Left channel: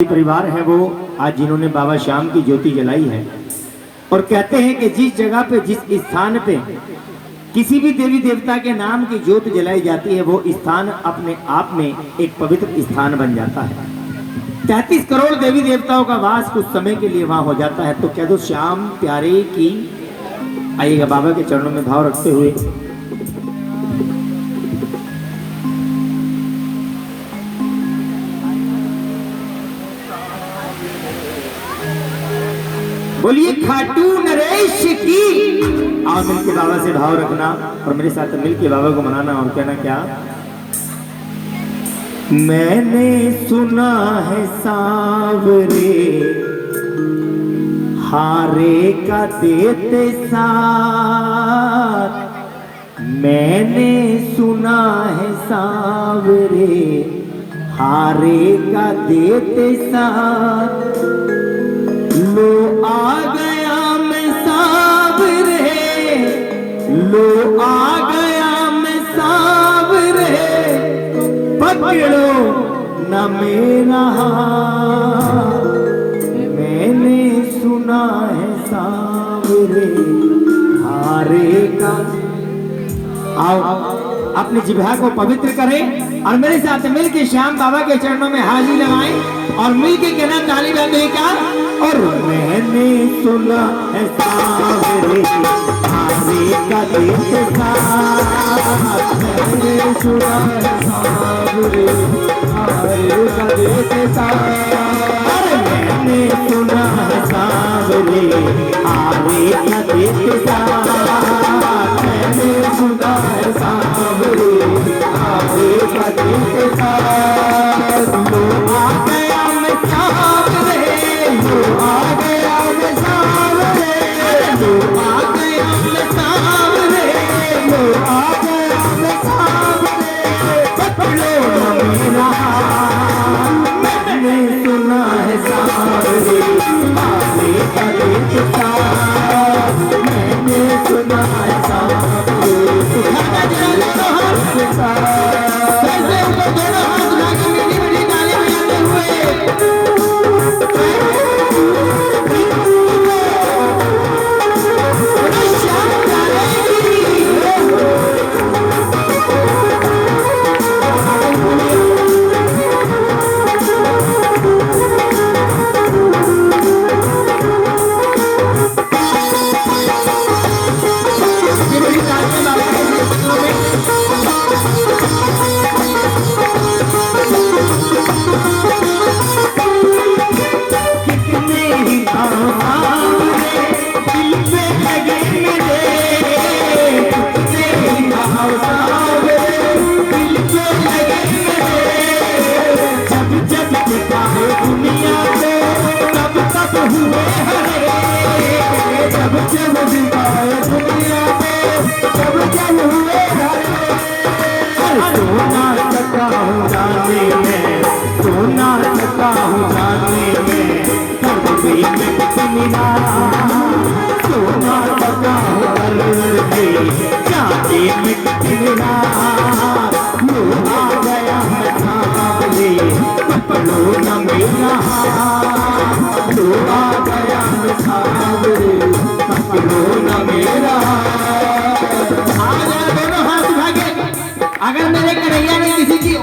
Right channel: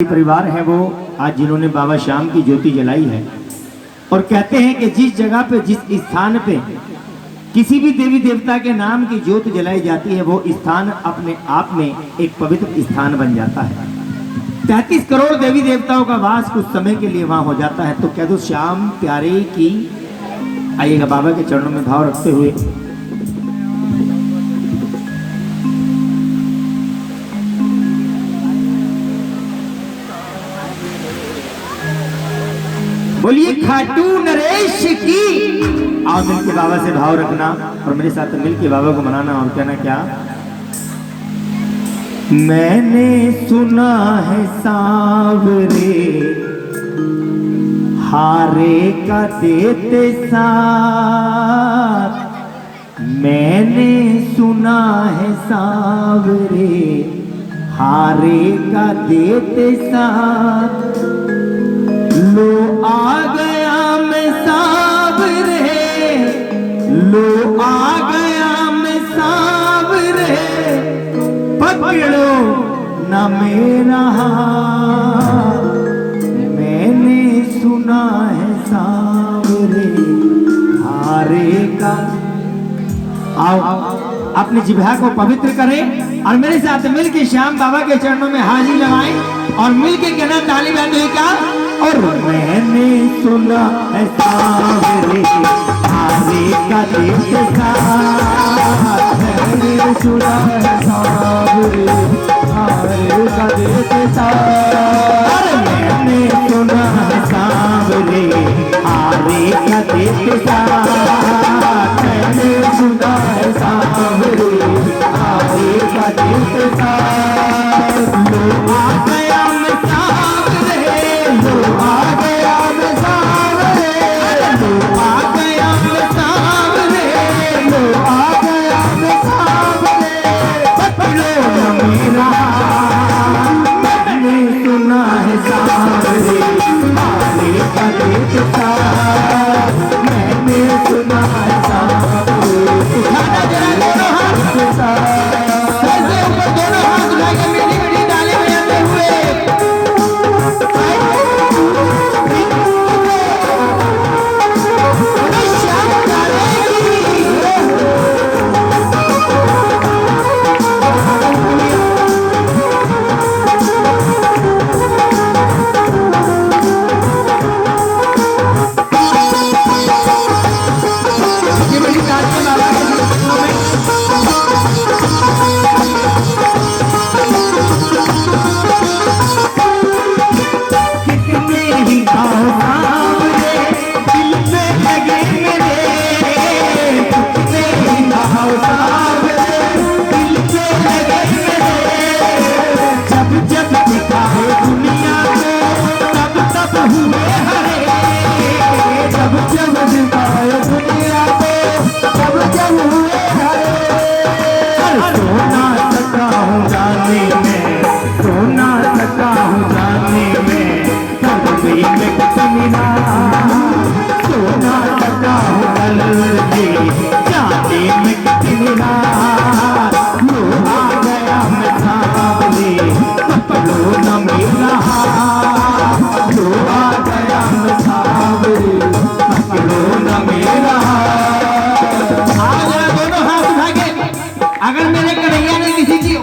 परिवार है वो आज जिन्होंने बाबा श्याम की ज्योति जलाई है और कहते हैं कि जिस जगह पे जिस स्थान पे किसी भी देवी देवता के नाम की ज्योत जलाई जाती है वो स्थान अपने आप में एक पवित्र स्थान बन जाता है। 33 करोड़ देवी देवताओं का वास कुछ समय के लिए वहां हो जाता है। तो कह दो श्याम प्यारे की। आइएगा बाबा के चरणों में भाव रखते हुए बोलिए खाटू नरेश की। आओ मिलके बाबा से भाव रखना और मेरे साथ मिलके बाबा को मनाना और कहना क्या। मैंने सुना है सांवरे हारे का देते साथ। मैंने सुना है सांवरे हारे का देते साथ। लो आ गया मैं सांवरे, लो आ गया मैं सांवरे, पकड़ो ना मेरा हाथ। मैंने सुना है सांवरे हारे का। आओ अपनी जिह्वा को पवित्र करें और मेरे साथ मिलके श्याम बाबा के चरणों में हाजिर लगाएं और मिलके कहना ताली बजाते हैं क्या। और मैंने सुना है सांवरे हारे का देते साथ। मैंने सुना है सांवरे हारे का देते साथ। मैंने सुना है सांवरे हारे का देते साथ। मैंने सुना है सांवरे हारे का देते साथ। लो आ गया मैं सांवरे, लो आ गया मैं सांवरे, लो आ गया मैं सांवरे, लो आ गया मैं सांवरे, पकड़ो मेरा हाथ। मैंने सुना है सांवरे हारे का देते साथ। मैंने सुना है सांवरे उठाना जरा हाथ के साथ। कैसे ऊपर दोनों हाथ उठा के मीठी मीठी ताली बजाते हुए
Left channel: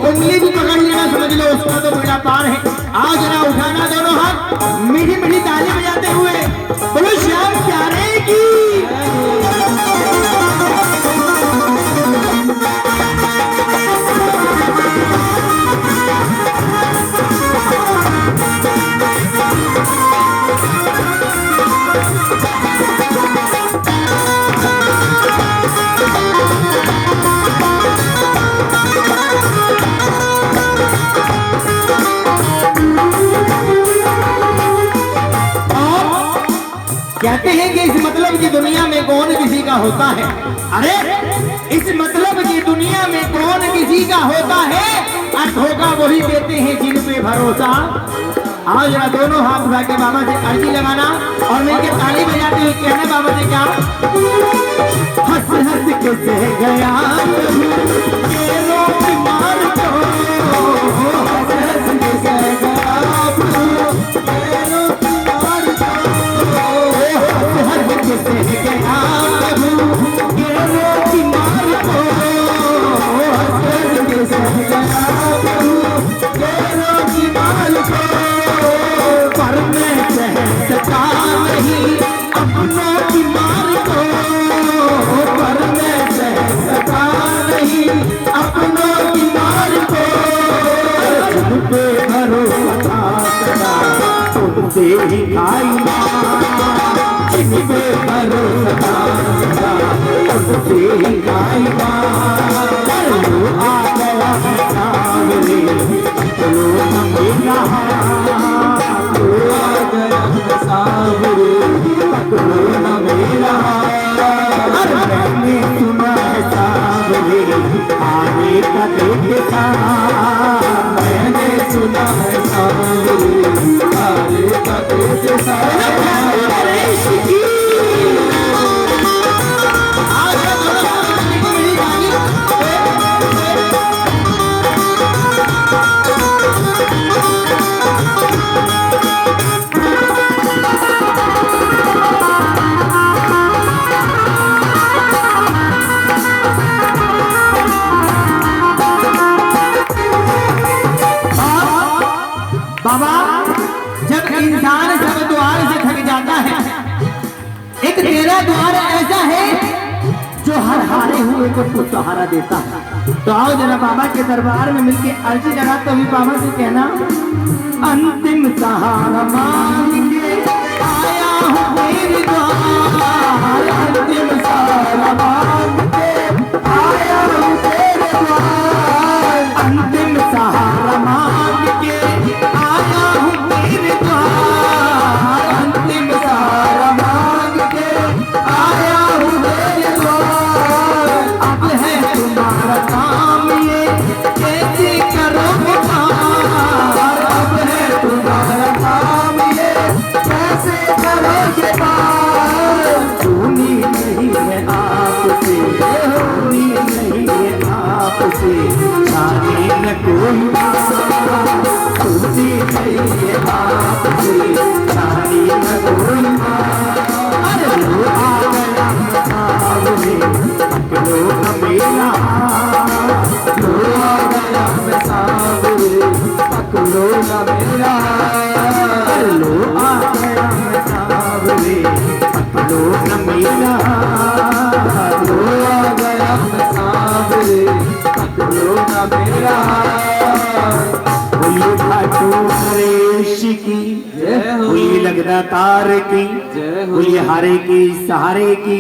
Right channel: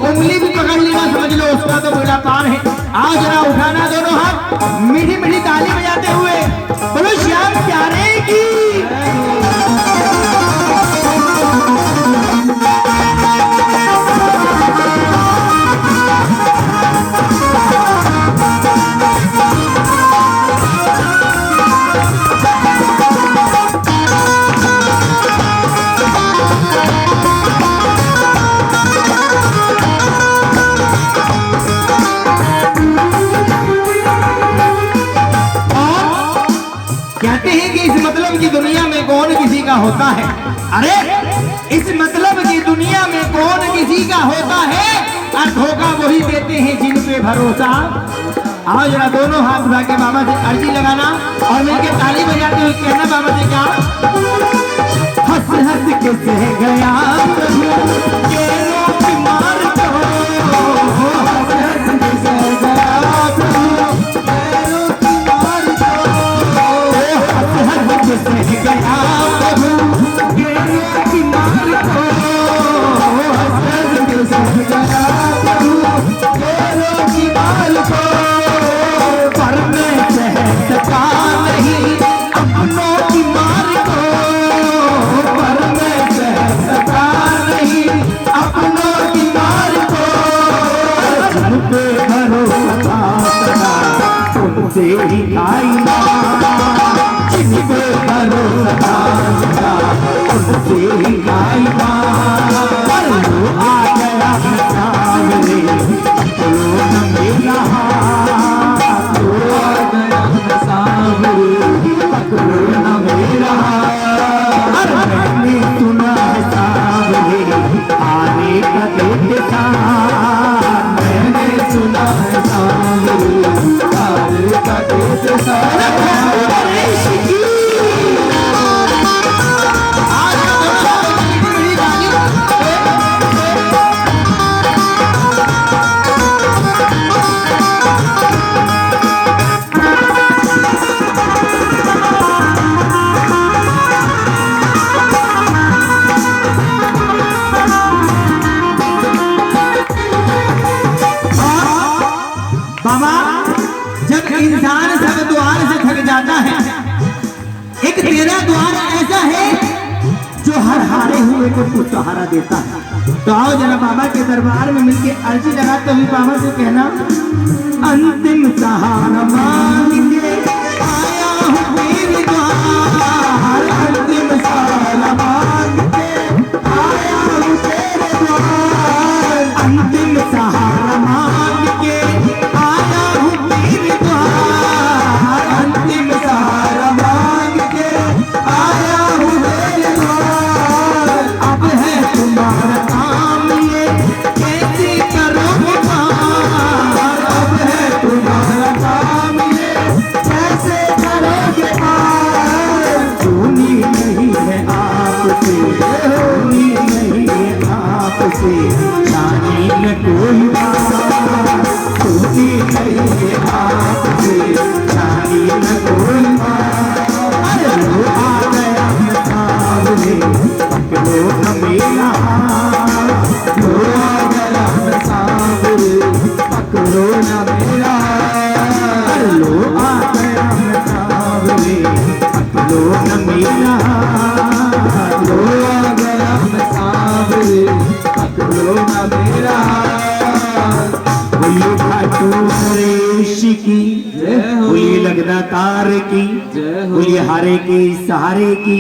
उंगली भी पकड़ लेना समझ लो उसका तो बेड़ा पार है। आओ जरा उठाना दोनों हाथ मीठी मीठी ताली बजाते हुए बोलो श्याम प्यारे की। कहते हैं कि इस मतलब की दुनिया में कौन किसी का होता है। अरे इस मतलब की दुनिया में कौन किसी का होता है और धोखा वही देते हैं जिन पे भरोसा। आओ जरा दोनों हाथ उठा के बाबा से अर्जी लगाना और मिलकर ताली बजाते हुए कहना बाबा से क्या। हंस हंस के सह गया मार को, हंस हंस के सह गया उनसे ही खाई जिनको भरोसा था उनसे ही खाई पर लो आ गया सावरे लो न मेरा लो आ गया सावरे लो न मेरा मैंने सुना है सावरे आने का देते मैंने सुना है सावरे आने का देते को सहारा देता है। तो आओ जरा बाबा के दरबार में मिलके अर्जी लगाते हुए बाबा से कहना अंतिम सहारा मांग के आया हूँ मेरे द्वार अंतिम सहारा मांग के आया हूँ तेरे द्वार अंतिम सहारा मांग के आया हूँ तेरे द्वार अंतिम सहारा मांग के आया हूँ तेरे तुम्हारा काम ये कैसे करोगे पार अब है तुम्हारा काम ये कैसे करोगे पार सुनी नहीं है आपसे सुनी नहीं है आपसे जाने न कोई सुनी नहीं है आपसे जाने न कोई अरे लो आ गया सावरे पकड़ो न मेरा लो आ गया सावरे पकड़ो न मेरा लो आ गया सावरे पकड़ो न मेरा लो आ गया सावरे पकड़ो न मेरा बोलो घाटो नरेश की बोलिए लगदा तार की बोलिए हारे की सहारे की।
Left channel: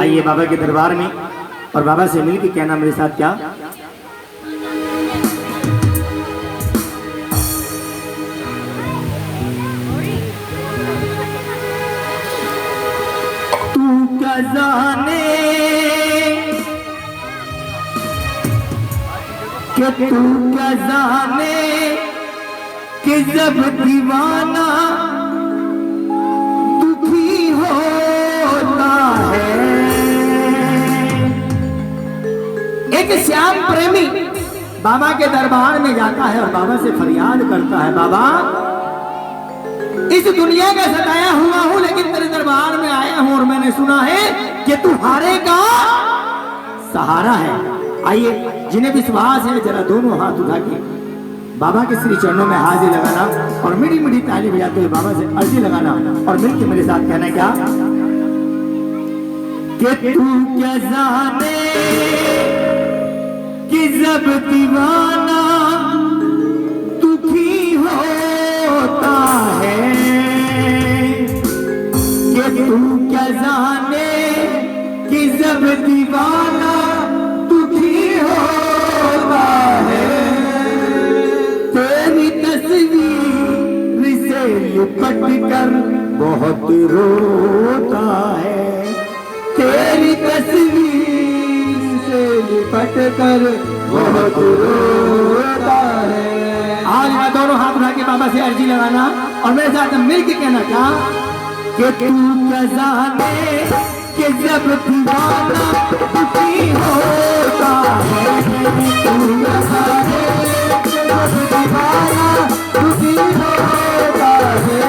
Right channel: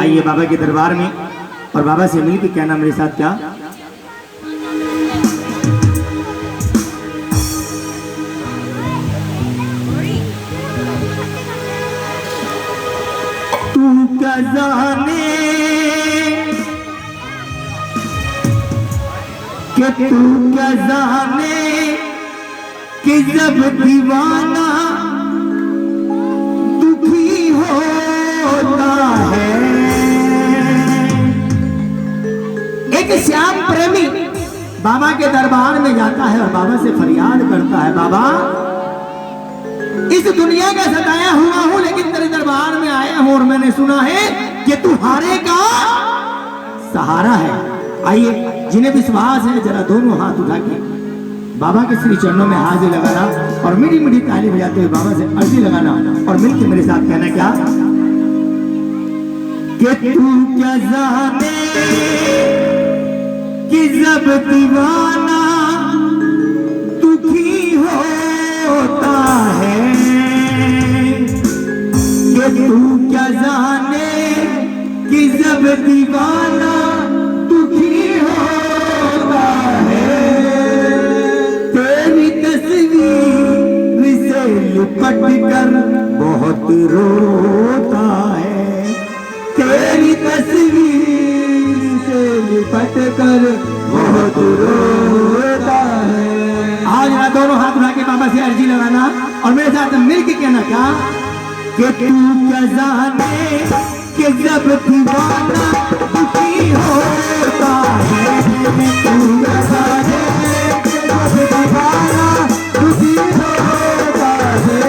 आइए बाबा के दरबार में और बाबा से मिल के कहना मेरे साथ क्या तू क्या जाने कि तू क्या जाने कि जब दीवाना दुखी होता है एक श्याम प्रेमी बाबा के दरबार में जाता है और बाबा से फरियाद करता है बाबा इस दुनिया का सताया हुआ हूं लेकिन तेरे दरबार में आया हूं और मैंने सुना है कि तू हारे का सहारा है। आइए जिन्हें विश्वास है जरा दोनों हाथ उठा के बाबा के श्री चरणों में हाजिर लगाना और मीठी मीठी ताली बजाते हुए बाबा से अर्जी लगाना और मिलकर मेरे साथ कहना क्या कि तू क्या जाने कि जब दीवाना दुखी होता है कि तू क्या जाने कि जब दीवाना दुखी होता है तेरी तस्वीर से लिपट कर बहुत रोता है तेरी तस्वीर से लिपट कर बहुत रोता है। आज ना दोनों हाथ उठा के बाबा से अर्जी लगाना और मेरे साथ मिल के कहना क्या कि तू क्या जाने कि जब दीवाना दुखी होता है तू क्या जाने जब दीवाना दुखी होता है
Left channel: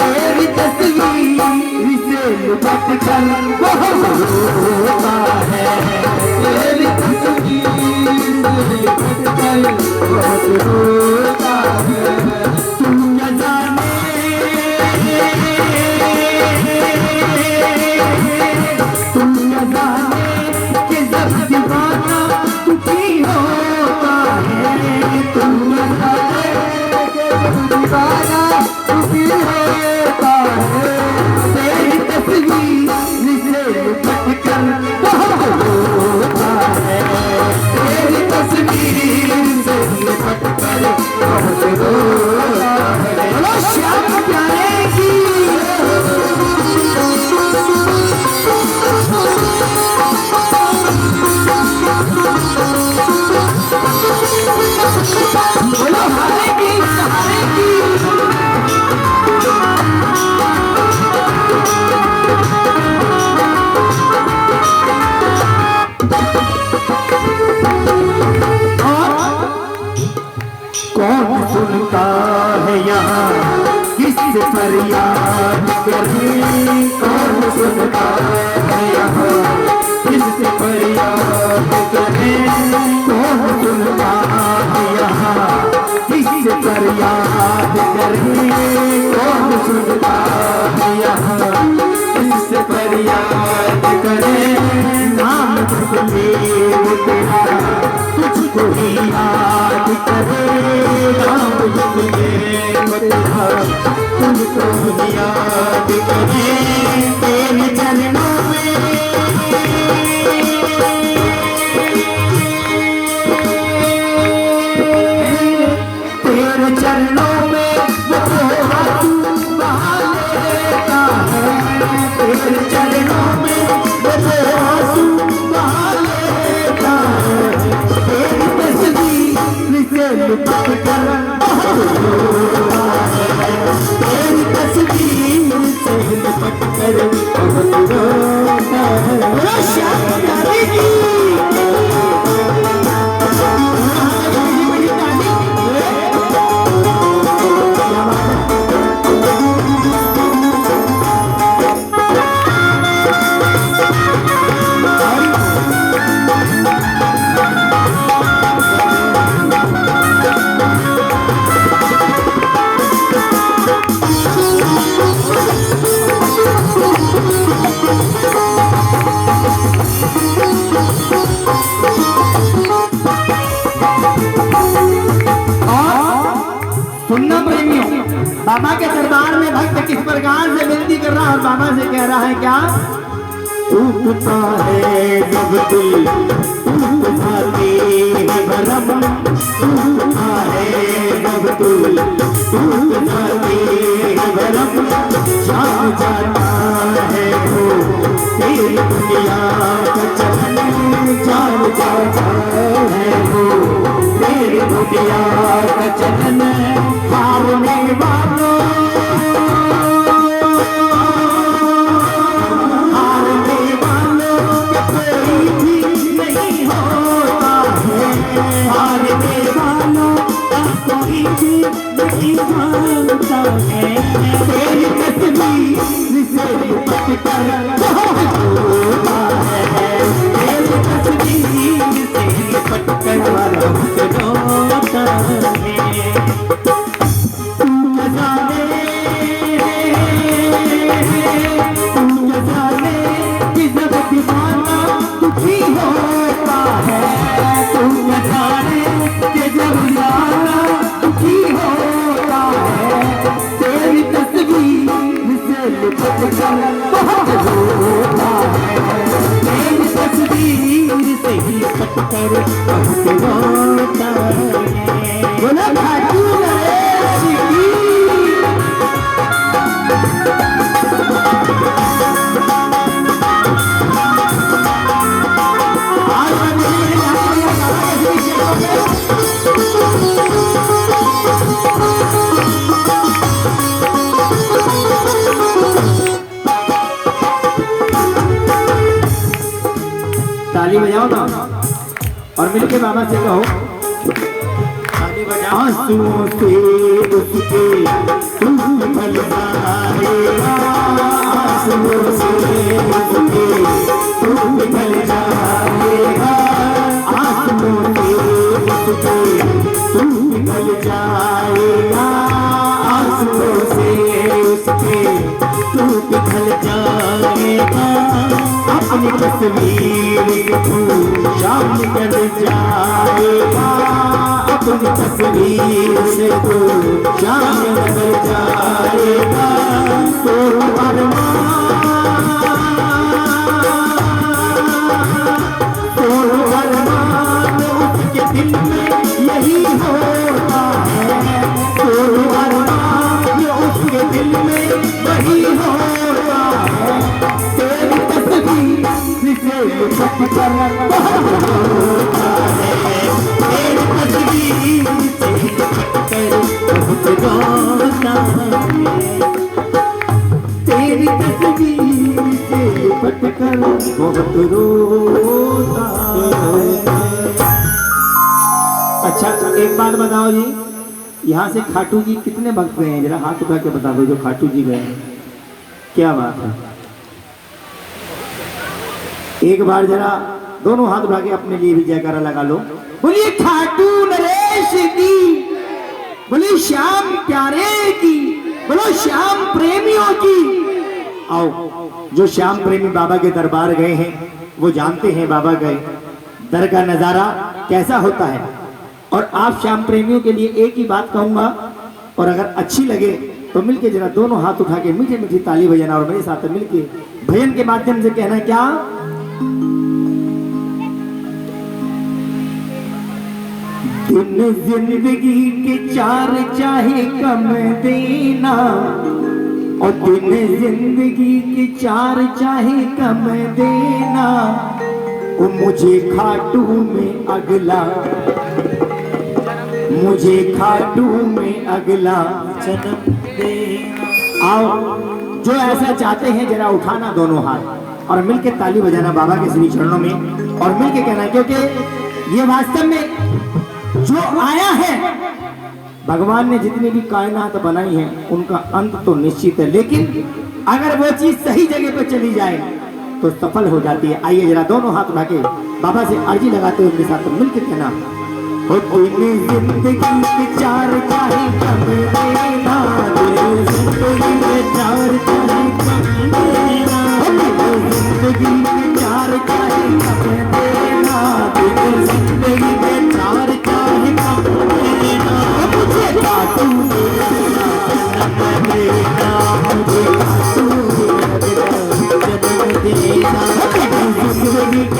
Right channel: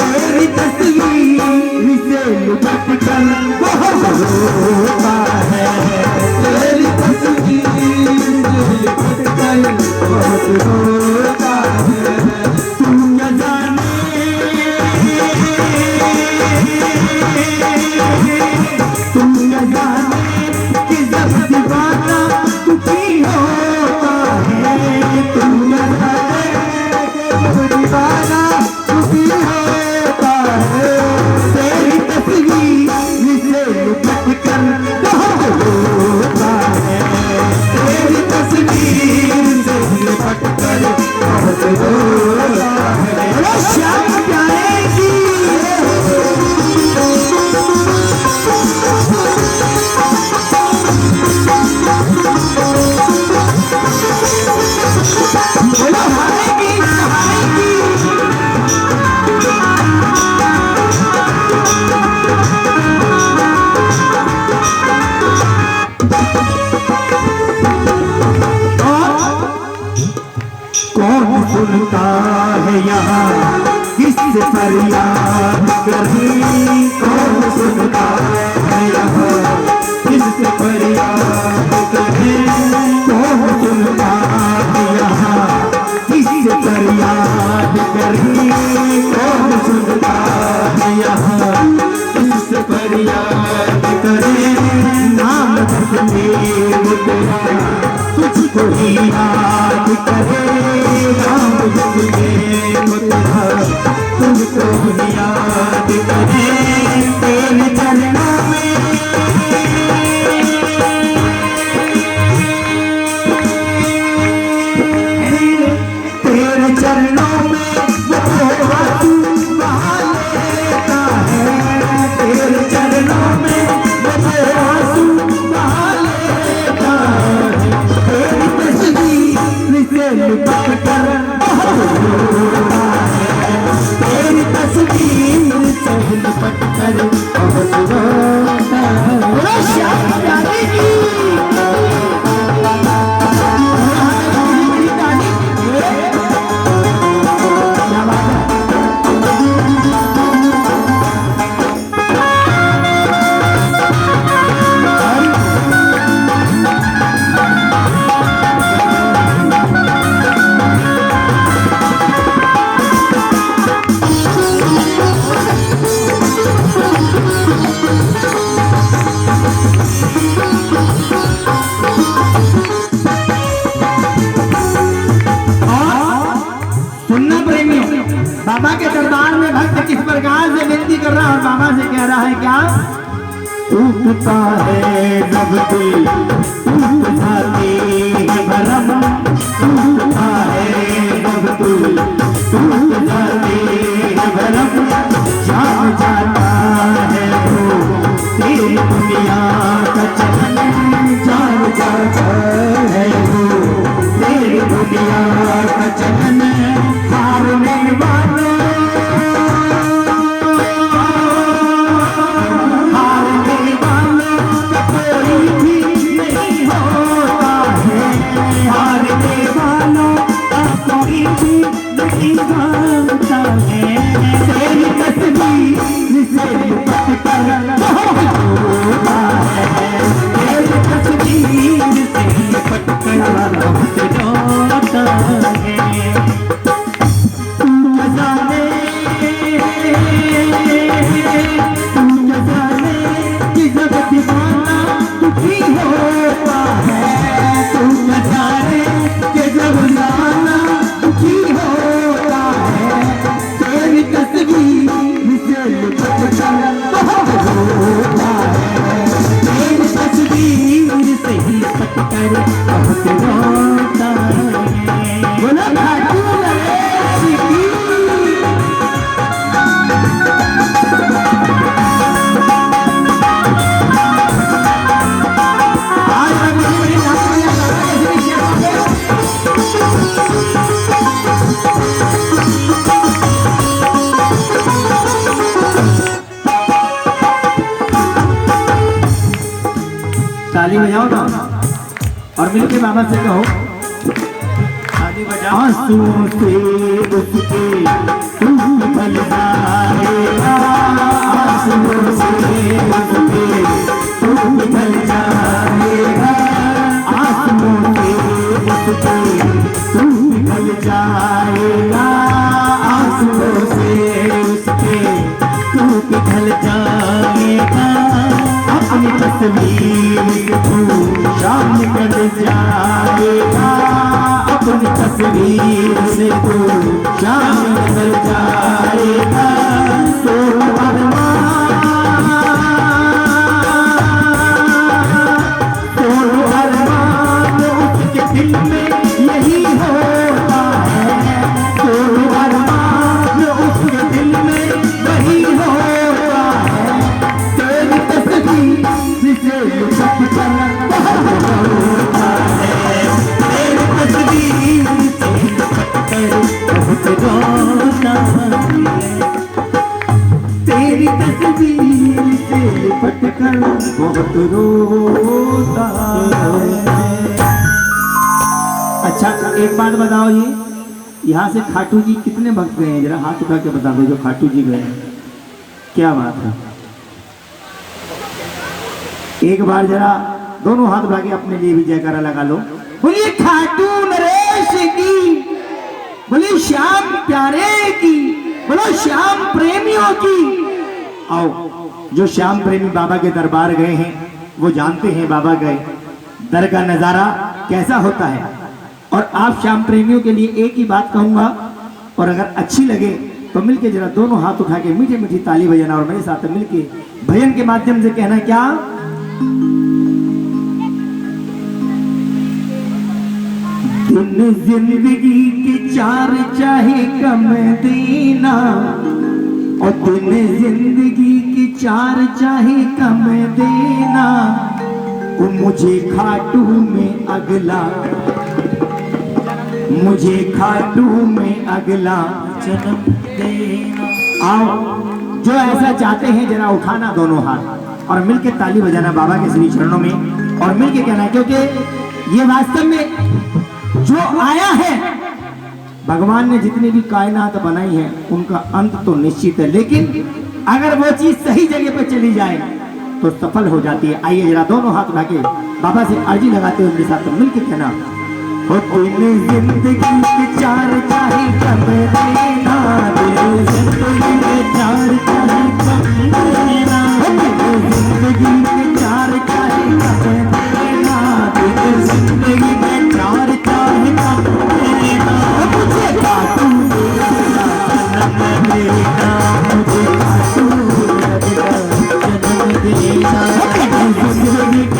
तेरी तस्वीर से लिपट कर बहुत रोता है तेरी तस्वीर से लिपट कर बहुत रोता है तू क्या जाने तू क्या जाने कि जब दीवाना दुखी होता है तू क्या जाने कि जब दीवाना दीवाना दुखी होता है, तेरी तस्वीर से लिपट कर बहुत रोता है, तेरी तस्वीर से लिपट कर बहुत रोता है। श्याम प्यारे की कौन सुनता है यहाँ किससे फरियाद करें, कौन सुनता है यहाँ किससे फरियाद करें, कौन सुनता है यहाँ किससे फरियाद करें, कौन सुनता है यहाँ किससे फरियाद करें। नाम तस्वीर तेरा तुझको ही याद करे, नाम तस्वीर तेरा तुझको ही याद करे, तेरे चरणों में तेरे चरणों में तू बहा लेता है, तेरे चरणों में तू बहा लेता है, तेरी तस्वीर से लिपट कर बहुत रोता है, तेरी तस्वीर से लिपट कर बहुत रोता है। श्याम प्यारे की सुनना प्रेमी, बाबा के दरबार में भक्त किस प्रकार से विनती कर रहा है और बाबा से कह रहा है क्या? उठता है जब दिल उठ जाती है भरम, उठता है जब दिल उठ जाती है भरम, जान जाता है वो तेरी दुनिया का चलन, जान जाता है वो तेरी दुनिया का चलन। हारने वालों कोई भी नहीं होता है, हारने वालों का कोई भी नहीं होता है, तेरी तस्वीर से लिपट कर बहुत रोता है, तेरी तस्वीर से लिपट कर बहुत रोता है। तुम जाने कि जब दीवाना दुखी होता है, तुम जाने कि जब दीवाना दुखी होता है, तेरी तस्वीर से लिपट कर बहुत रोता है, तेरी तस्वीर से लिपट कर बहुत रोता है। बोला भाई ताली बजाओ ना और मिलके बाबा से कहो ताली बजाओ। आंसुओं से उसके तू निकल जाएगा, आंसुओं से उसके तू निकल जाएगा, आंसुओं से उसके तू निकल जाएगा, आंसुओं से उसके तू निकल जाएगा, अपनी तस्वीर तू शाम कर जाएगा, अपनी तस्वीर से तू शामिल कर जाएगा तो अरमान उसके दिल में यही होता है, तो अरमान उसके दिल में वही होता है, तेरी तस्वीर से लिपट कर होता है, तेरी तस्वीर से लिपट कर बहुत रोता है, तेरी तस्वीर से लिपट कर बहुत रोता है। अच्छा एक बात बताओ जी, यहाँ से खाटू जी कितने भक्त गए हैं? जरा हाथ उठा के बता दो जो खाटू जी गए हैं। क्या बात है, एक बार जरा दोनों हाथ उठा के अपने लिए भी जयकारा लगा लो। बोलिए खाटू नरेश की, बोलिए श्याम प्यारे की, बोलो श्याम प्रेमियों की। आओ, जो श्याम प्रेमी बाबा के दरबार गए हैं वो जानते हैं बाबा गए दर का नजारा कैसा होता है। और आप श्याम प्रेमियों के लिए एक ही बात कहूंगा, और अगर अच्छी लगे तो मिलके जरा दोनों हाथ उठा के मीठी मीठी ताली बजाना और मेरे साथ मिलके भजन के माध्यम से कहना क्या, दिन जिंदगी के चार चाहे कम देना, और दिन जिंदगी के चार चाहे कम देना, वो मुझे खाटू में अगला, मुझे खाटू में अगला जन्म देना। आओ जो ऐसा चाहते हैं जरा उठाना दोनों हाथ और मिलके ताली बजाना बाबा के श्री चरणों में और मिलके कहना, क्योंकि ये वास्तव में जो आया है, भगवान ने जितनी भी कायनात बनाई है उनका अंत तो निश्चित है, लेकिन अगर वो चीज सही जगह पर चली जाए तो सफल हो जाती है। आइए जरा दोनों हाथ उठा के बाबा से अर्जी लगाते हुए मेरे साथ मिलके कहना, दिन जिंदगी के चार चाहे कम देना, दिल जिंदगी के चार चाहे कम देना, जिंदगी के चार चाहे कम देना, दिल जिंदगी के चार चाहे कम देना, मुझे खाटू जन्म देना, मुझे खाटू जन्म देना, जिंदगी के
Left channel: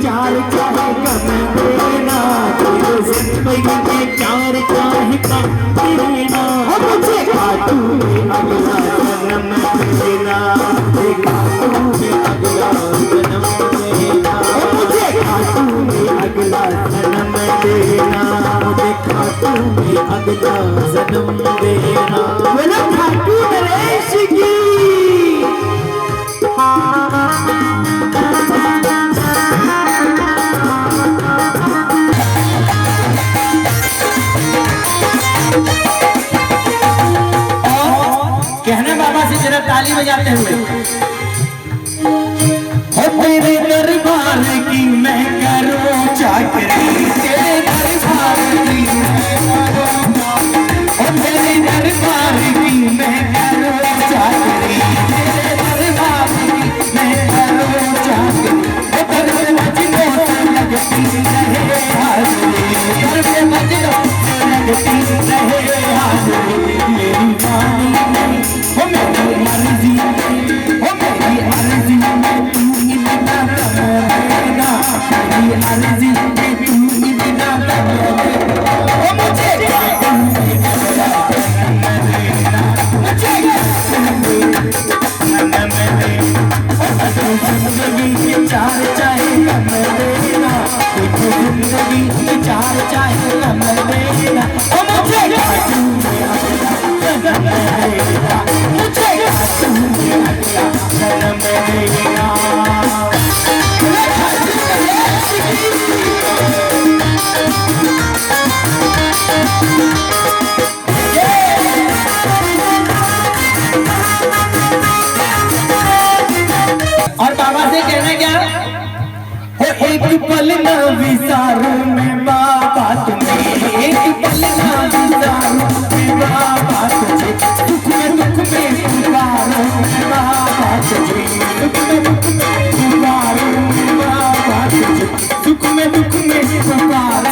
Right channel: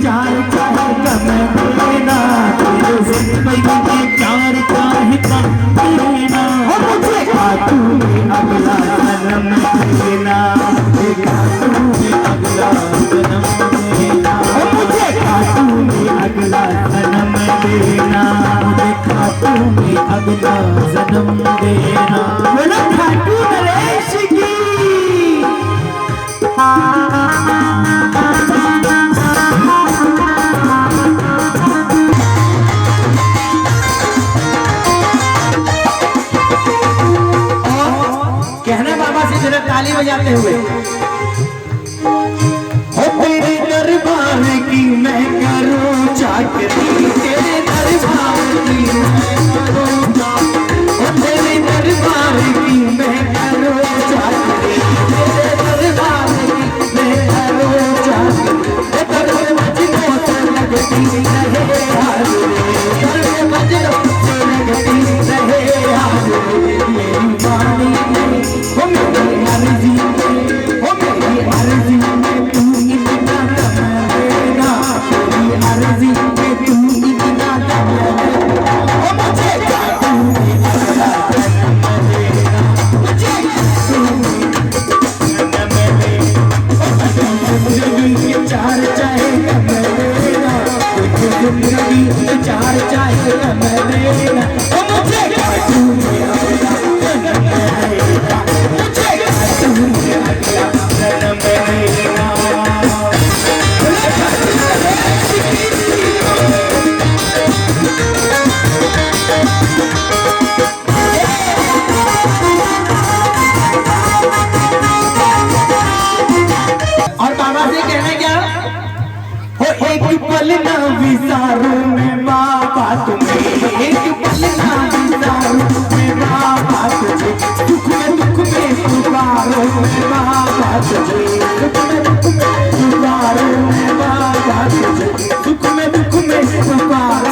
चार चाहे कम देना, जिंदगी के चार चाहे कम देना, मुझे खाटू में अगला जन्म देना, खाटू में अगला जन्म देना, मुझे खाटू में अगला जन्म देना, मुझे खाटू में अगला जन्म देना। बोलो खाटू नरेश की। कहना बाबा से जरा ताली बजाते हुए, तेरे दरबार की मैं करूं चाकरी, तेरे दरबार की तेरे दरबार की मैं करूं चाकरी, तेरे दरबार की मैं करूं चाकरी, तेरे मजनू से लगती रहे हाज़िरी, तेरे मजनू से लगती रहे हाज़िरी, मेरी वाणी में हो मेरी मर्जी में हो मेरी अर्जी में तू इतना कम देना, मेरी अर्जी में तू इतना कम देना, मुझे खाटू में अगला जन्म देना, मुझे खाटू में जन्म देना, जिंदगी के चार चाहे कम देना, जिंदगी के चार चाहे कम देना, मुझे खाटू में अगला जन्म देना, मुझे खाटू में अगला जन्म देना। और बाबा से कहना क्या, एक पल न विसारूं मैं बाबा तुम्हें, एक पल न विसारूं मैं बाबा तुझे, दुख में पुकारूं मैं बाबा तुझे, दुख में पुकारूं मैं बाबा तुझे, दुख में पुकारूं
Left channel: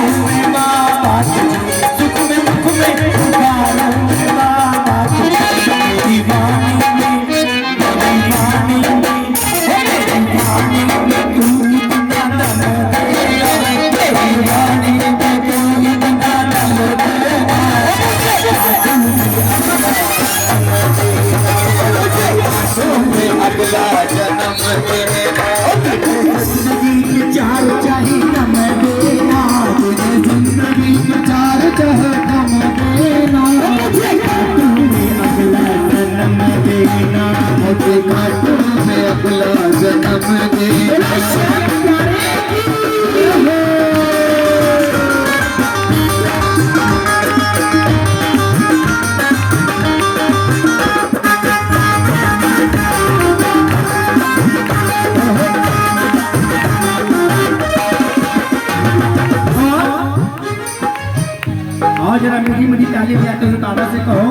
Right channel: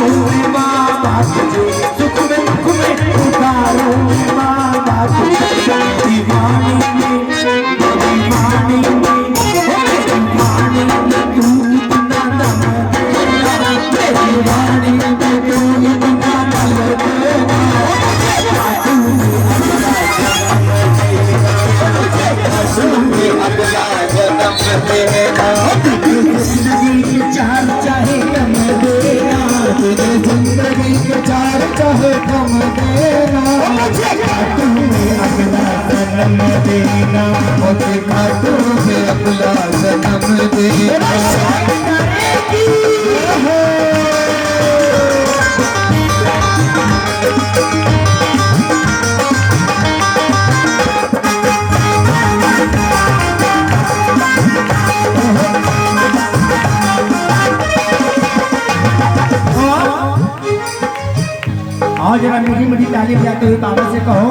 चाहिए बाबा से कहो।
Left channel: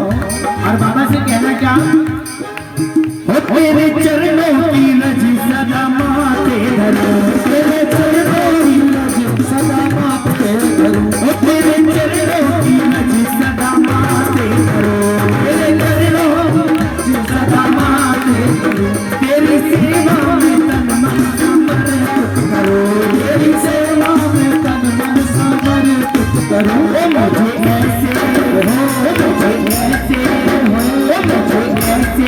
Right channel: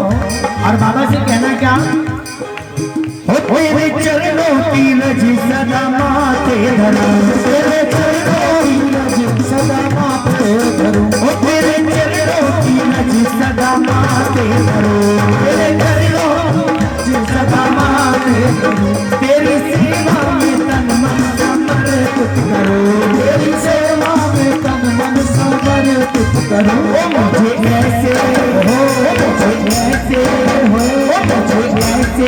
और बाबा से कहना क्या, हो तेरे चरणों की लज सदा माथे धरूं, तेरे चरणों की लज सदा माथे धरूं, हो तेरे चरणों की लज सदा माथे धरूं, तेरे चरणों की सदा माथे धरूं, तेरी सेवा में तन मन समर्पित करो, तेरी सेवा में तन मन समर्पित करो। ओ मुझे ऐसे हो, मुझे ऐसे हो, मुझे ऐसे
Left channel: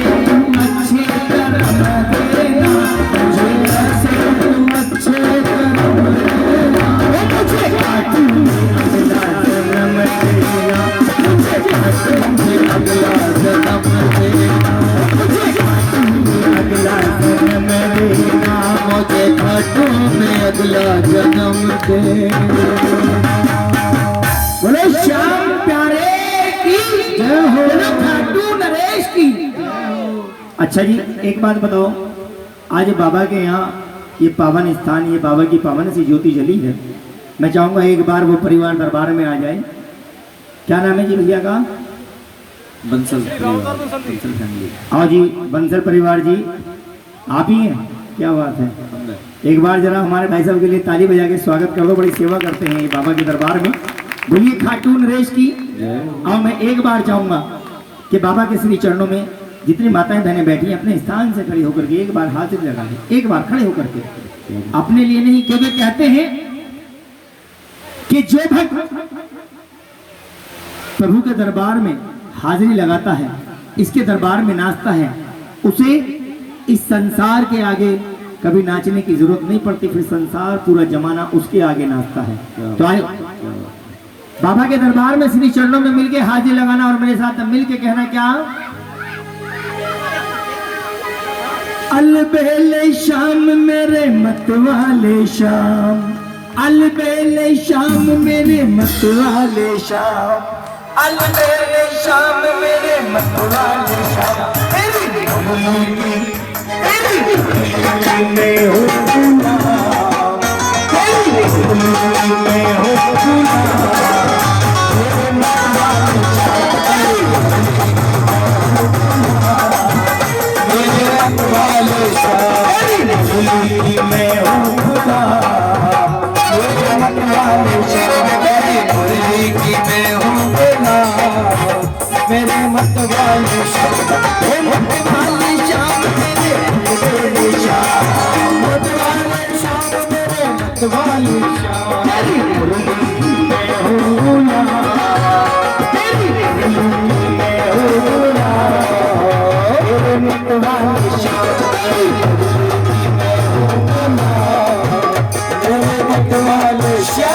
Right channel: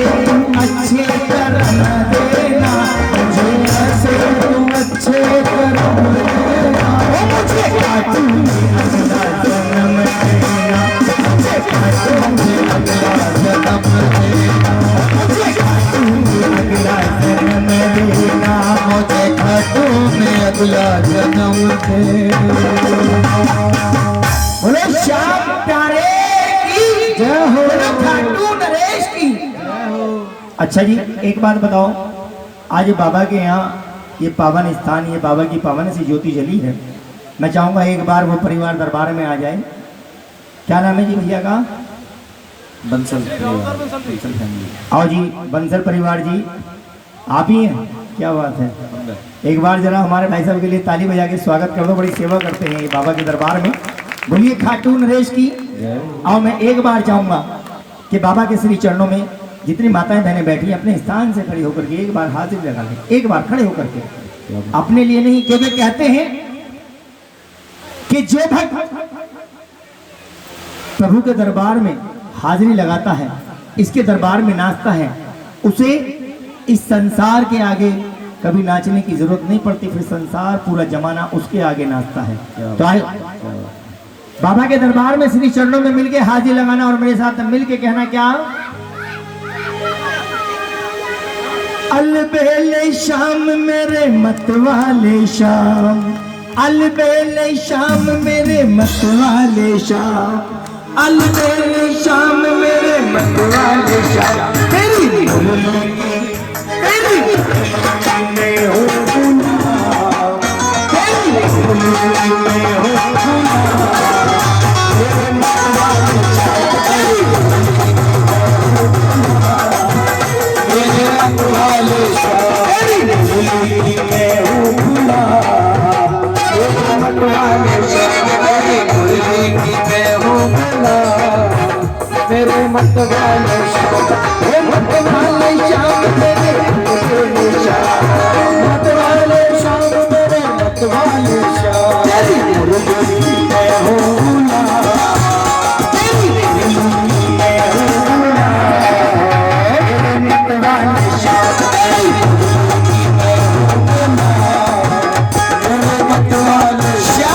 अच्छे कर्म देना, मुझे ऐसे तुम अच्छे कर्म देना। ओ मुझे कार्टून में अगला जन्म देना, मुझे कार्टून में अगला जन्म देना, मुझे कार्टून में अगला जन्म देना, मुझे कार्टून में अगला जन्म देना। बोले श्याम प्यारे की जय हो, खाटू नरेश की। अच्छा जी, एक बात बताओ, आज बाबा के यहाँ ये पावन स्थान, ये बाबा की पावन सी ज्योति जली है। मैं चाहूंगा एक बार वो परिवार दरबार में आ जाए। क्या नाम है जी भैया का? बंसल फैमिली। आओ जी बंसल परिवार जी, आप ही हैं, क्या बात है। एक बार जरा हमारे भाई साहब के लिए ताली बजा के स्वागत कर दो, बड़ी सेवा करते हैं ये बाबा के दरबार में। बोलिए खाटू नरेश की। और मैं एक बार चाहूंगा कि बाबा के श्री चरणों में जितनी माताएं बहनें बैठी हैं अपने स्थान से खड़ी होकर के एक बार हाजिरी लगा लें, एक बार खड़े होकर के, अपने लिए नहीं, क्योंकि कहते हैं कि जो भक्त प्रभु के दरबार में हाजिरी लगाता है, इसके दरबार में नाचता है, उसे इस संसार के आगे कभी नाचने की जरूरत नहीं पड़ती, फिर संसार पूरा जमाना उसके आगे नाचता है। तो आए बाबा के दरबार में श्री चरणों में मिलके हाजिरी लगाना और मेरे साथ मिलके कहना क्या, अलबेले शाम मेरे मतवाले शाम, अलबेले शाम मेरे मतवाले शाम, अलबेले शाम मेरे मतवाले शाम, तेरी में हो मेरे मत वाले शाम, मत वाले शाम मेरे मत वाले शाम, मेरे मत वाले शाम, तेरी मुर्गी में हूँ ना, तेरी मुर्गी में हूँ ना, मेरे मत वाले शाम, तेरी मुर्गी में हूँ ना, मेरे मत वाले शाम।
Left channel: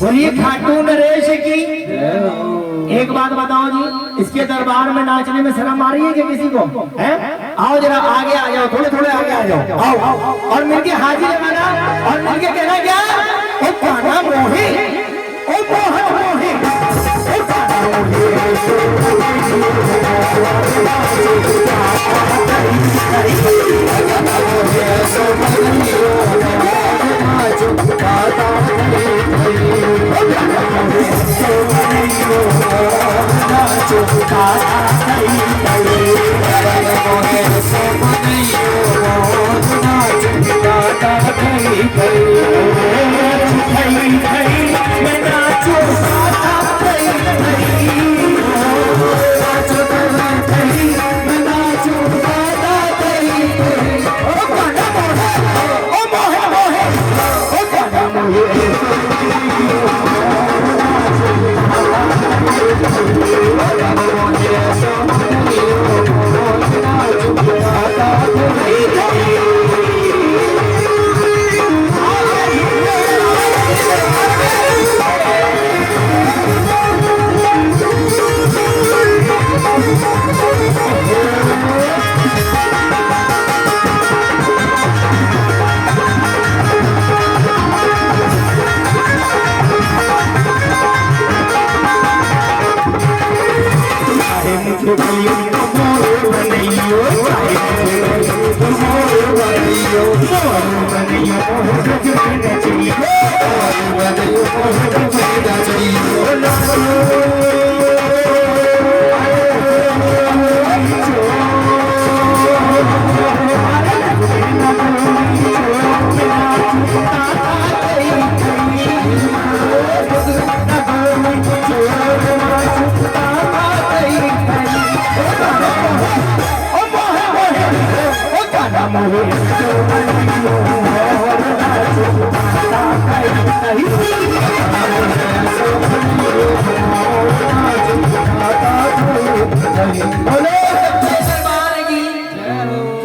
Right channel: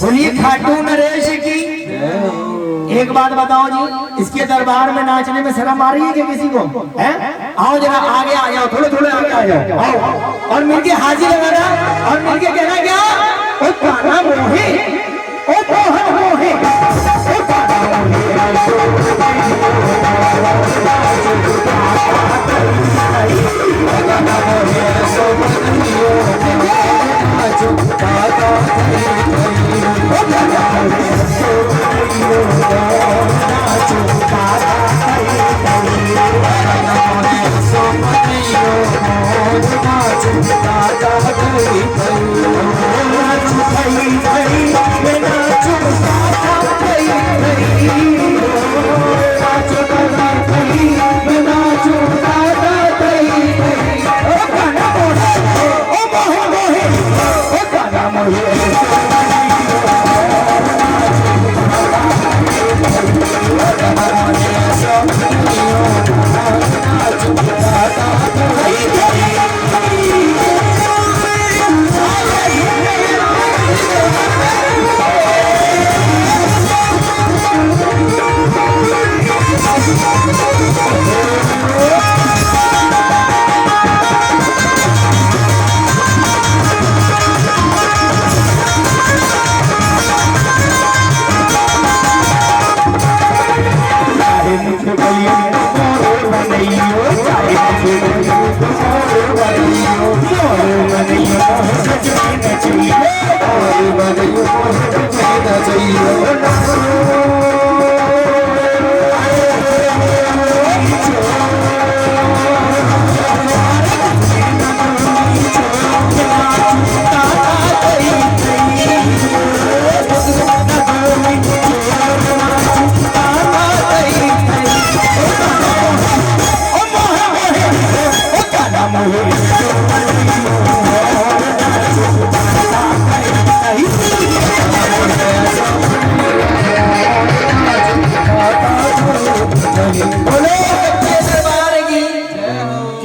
बोलिए खाटू नरेश की। एक बात बताओ जी, इसके दरबार में नाचने में शर्म आ रही है कि किसी को है? आओ जरा आगे आ जाओ, थोड़े थोड़े आगे आ जाओ, आओ और मिलके हाजिर लगाना और मिलके कहना क्या, ओ कान्हा मोहे, ओ मोहन मोहे, ओ कान्हा मोहे।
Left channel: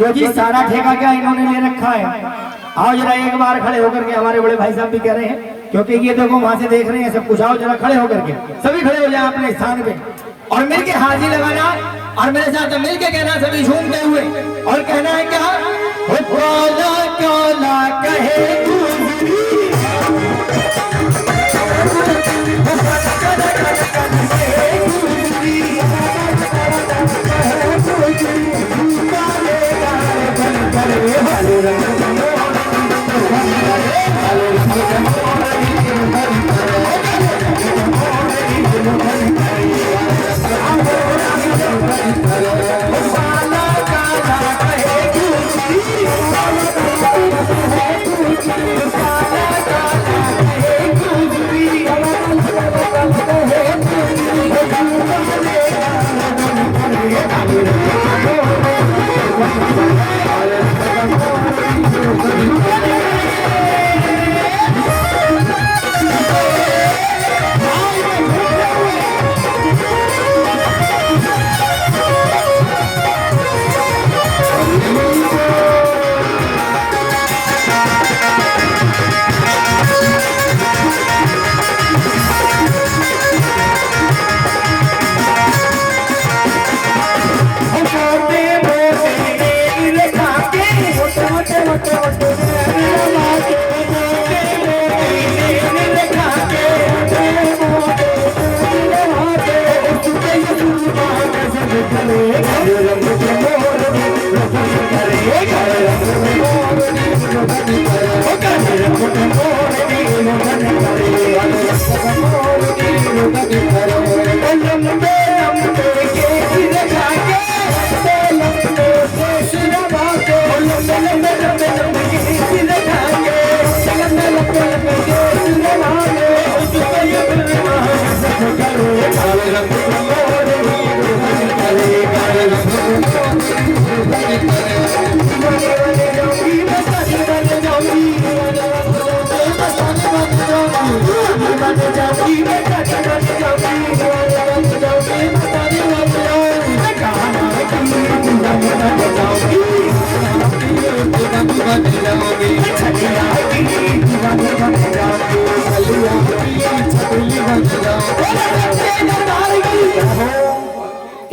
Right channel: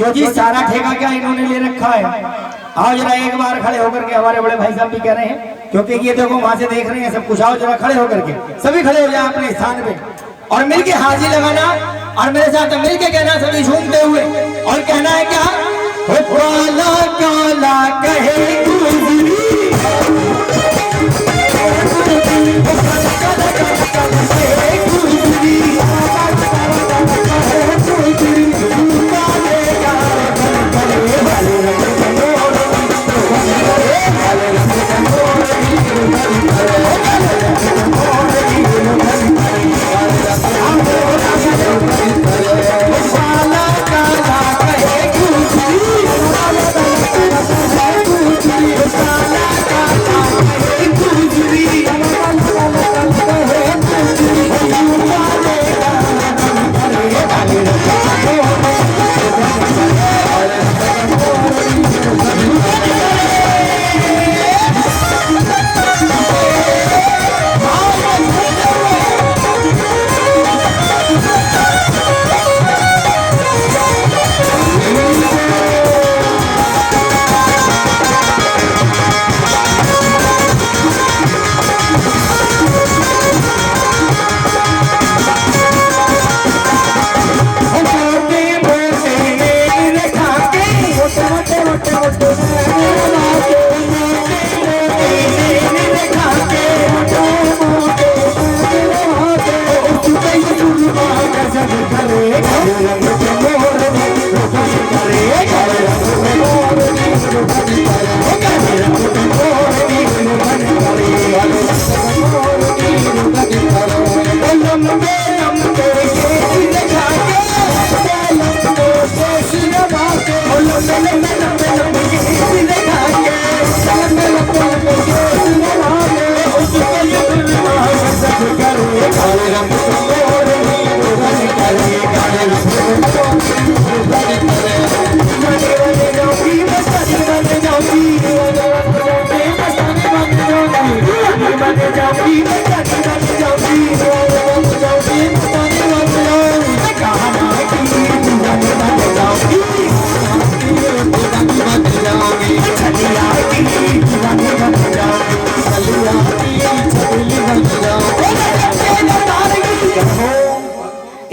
क्यों जी सारा ठेका क्या इन्होंने ले रखा है? आओ जरा एक बार खड़े होकर के, हमारे बड़े भाई साहब भी कह रहे हैं, क्योंकि ये देखो वहां से देख रहे हैं सब कुछ। आओ जरा खड़े होकर के, सभी खड़े हो जाए अपने स्थान पे और मिलके हाजिर लगाना और मेरे साथ मिलके कहना, सभी झूमते हुए, और कहना है क्या? हो काला काला कहे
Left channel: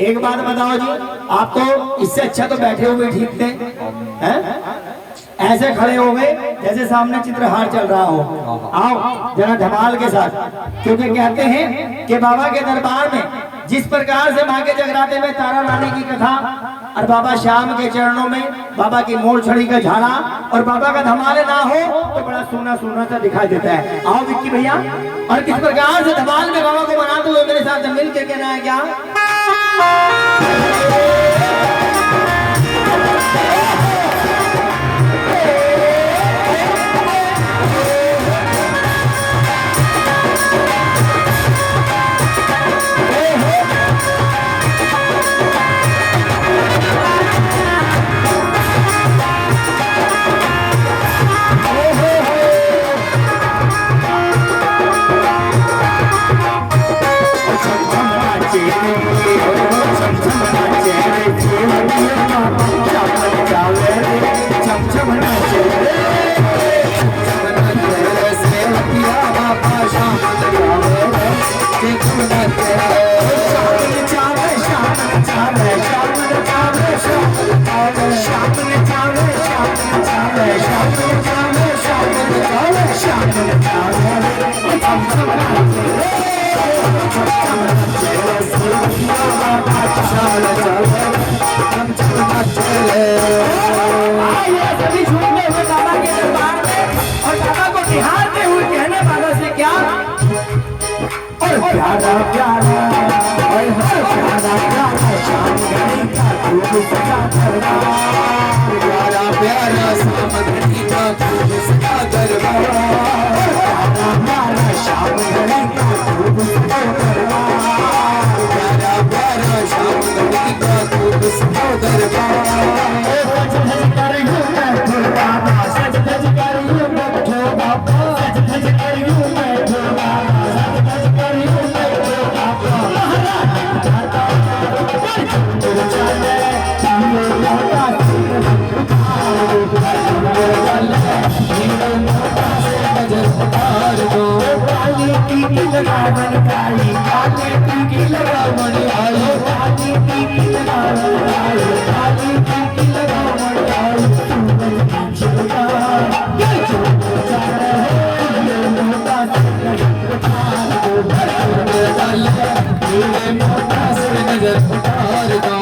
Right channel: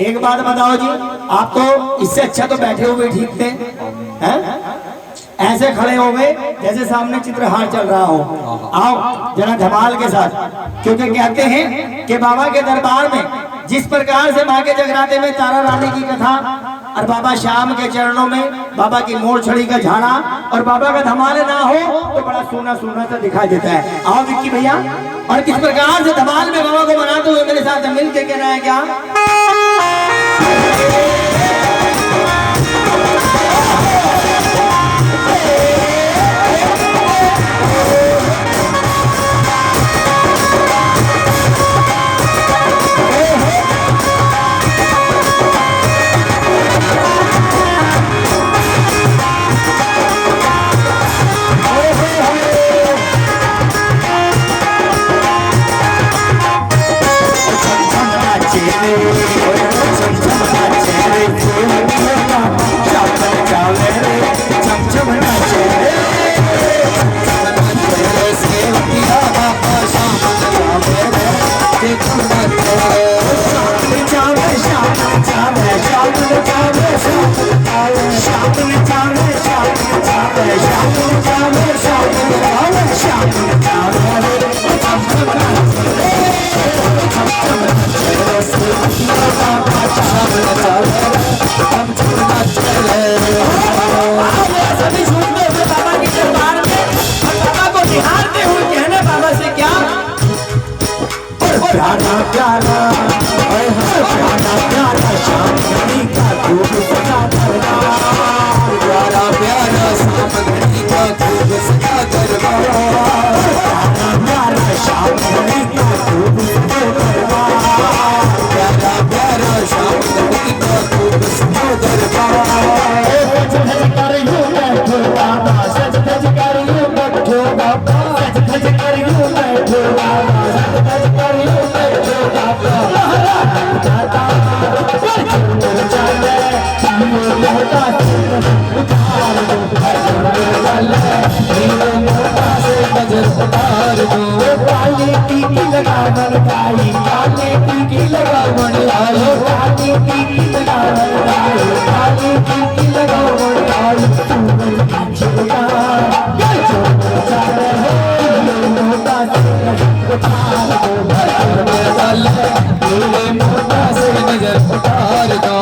एक बात बताओ जी, आप तो इससे अच्छा तो बैठे हुए ठीक थे, हैं? ऐसे खड़े हो गए जैसे सामने चित्रहार चल रहा हो। आओ जरा धमाल के साथ, क्योंकि कहते हैं कि बाबा के दरबार में जिस प्रकार से माँ के जगराते में तारा रानी की कथा और बाबा श्याम के चरणों में बाबा की मोर छड़ी का झाड़ा और बाबा का धमाल ना हो तो बड़ा सोना सोना सा दिखाई देता है। आओ विक्की भैया, और किस प्रकार से धमाल में बाबा को मनाते हुए मेरे साथ मिल के कहना है क्या? निहारते हुए कहने बाबा से क्या? प्यारा प्यारा प्यारा प्यारा सामने का खूब सजा दरबार, प्यारा प्यारा सामने का खूब सजा दरबार, प्यारा प्यारा सामने का खूब सजा दरबार, प्यारा प्यारा सामने का खूब सजा दरबार। सज कर यूं बैठो बाबा, सज कर यूं बैठो बाबा, सज कर यूं बैठो बाबा, सज कर यूं बैठो बाबा, महाराज दाता चले लगावन काई, काली टिकी लगावन लाई, काली टिकी लगावन लाई, काली टिकी लगावन लाई। सूरज की चिमटा ये जो नजर है, ये मोटा से नजर उतार दो, भरने वाला ये मोटा से नजर उतार दो।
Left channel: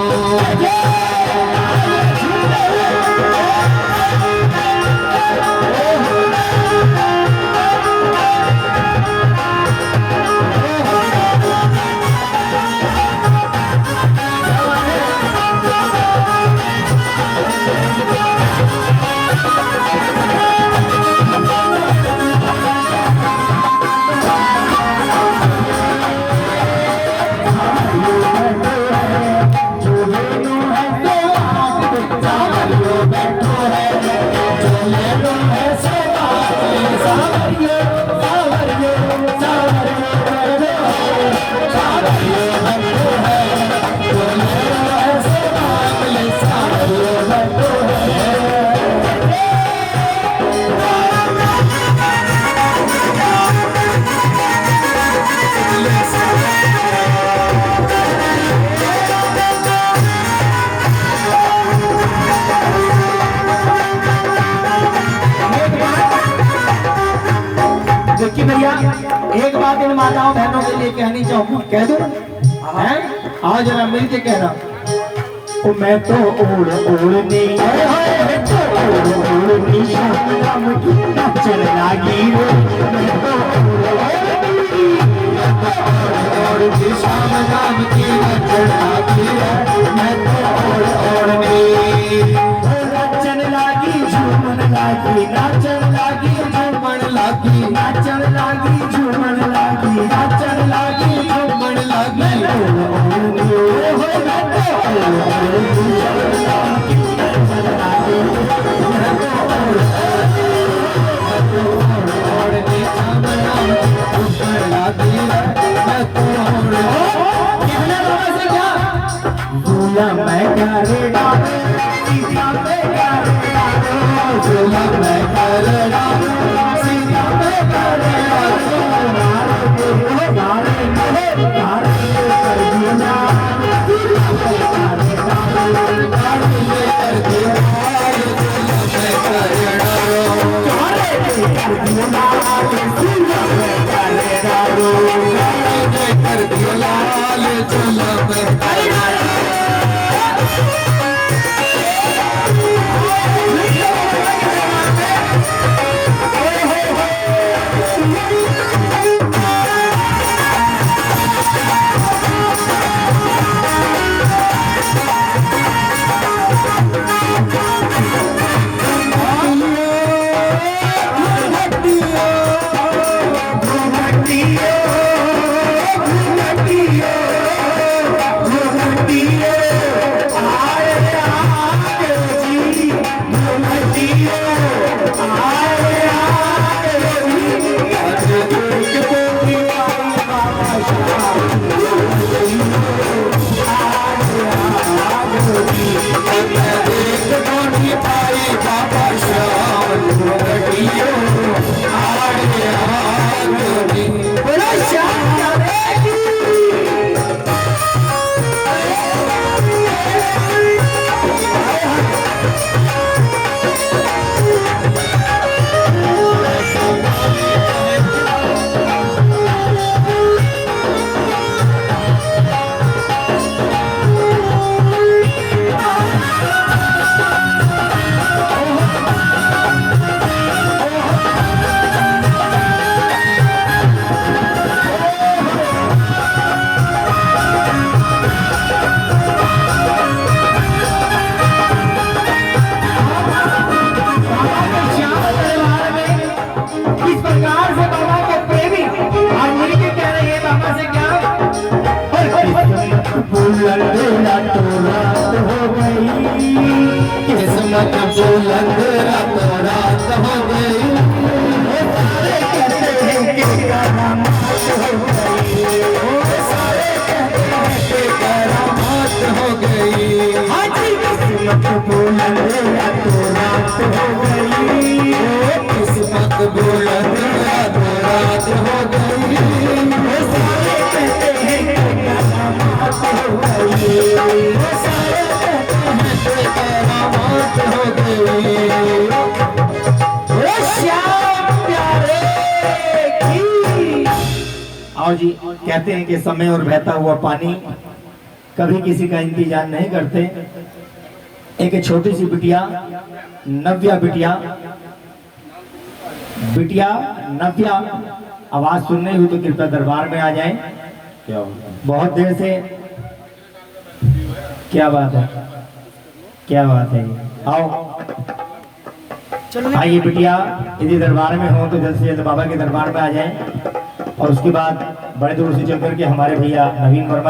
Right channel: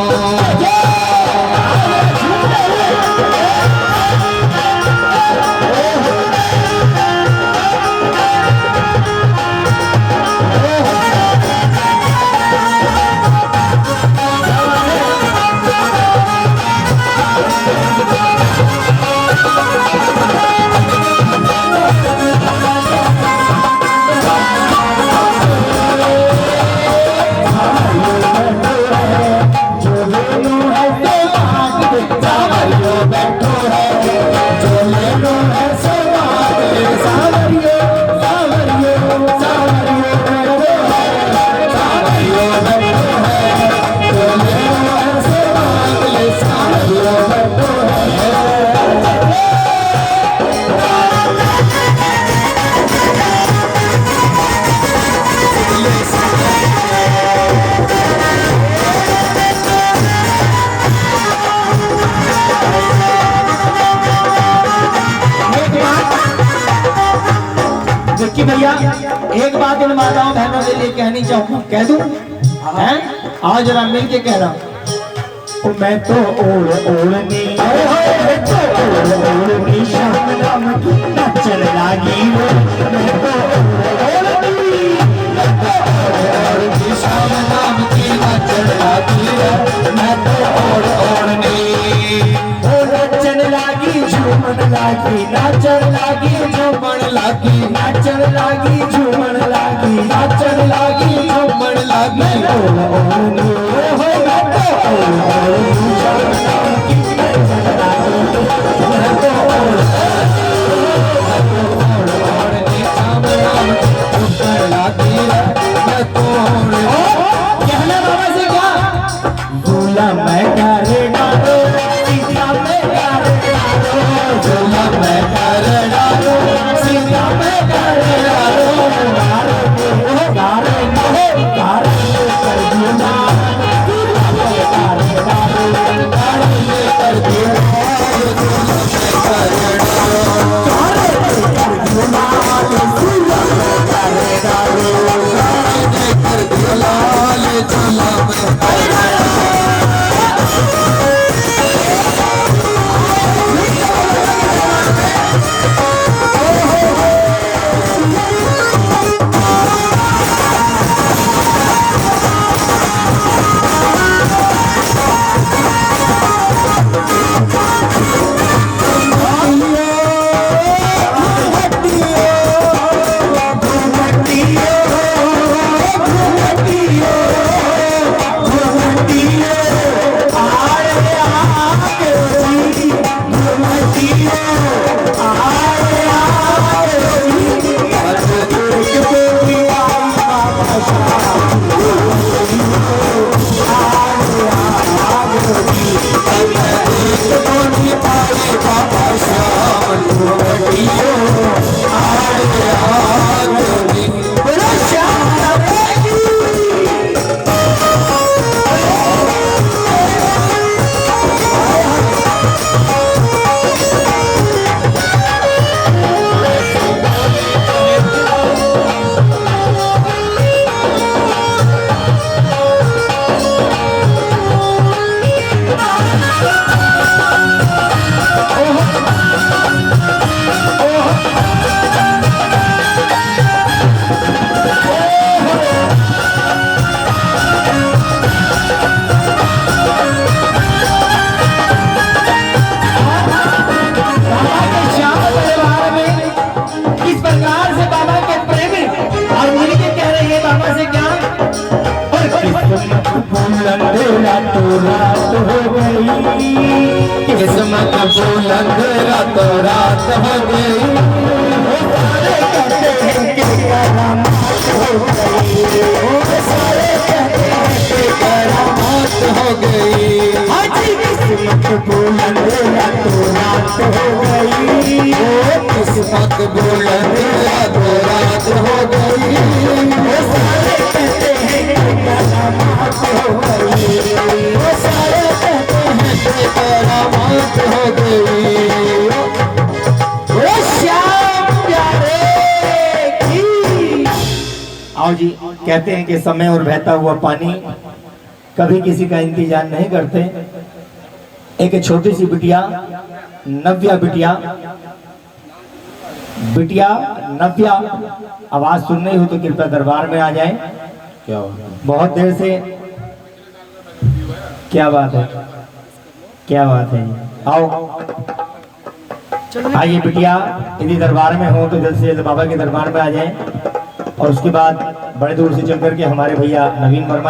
देखिए भैया, एक बात इन माताओं बहनों के लिए कहनी चाहूँ, कह दूं? हैं? आओ जरा मिल के कहना। ओ मैं तो ओढ़नी शाम नाम की नचन लागी रे, मैं तो ओढ़नी शाम नाम की नचन लागी रे, मैं तो ओढ़नी नचन लागी, झूमन लागी, नाचन लागी, झूमन लागी, नाचन लागी, झूमन लागी, नाचन लागी, झूमन लागी। ओढ़नी किस्मत बुलंद रातों रात हो गई, सारे कहते हैं कि करामात हो गई, सारे कहते हैं कि करामात हो गई। किस्मत बुलंद रातों रात हो गई, किस्मत बुलंद रातों रात हो गई। कहते हैं कि समय और बहता हुआ पानी कभी किसी का इंतजार नहीं करते। एक छोटी सी बिटिया नव्या, बिटिया नव्या आवाज सुन रही हो तो कृपया दरबार में आ जाएं। क्या बहुत देर से, क्या बात है, क्या बात है, आओ आइए बिटिया, यदि दरबार में हो तो जल्द से जल्द बाबा के दरबार में आ जाएं। और उसके बाद बड़े दूर से चल करके हमारे भैया नवीन वर्मा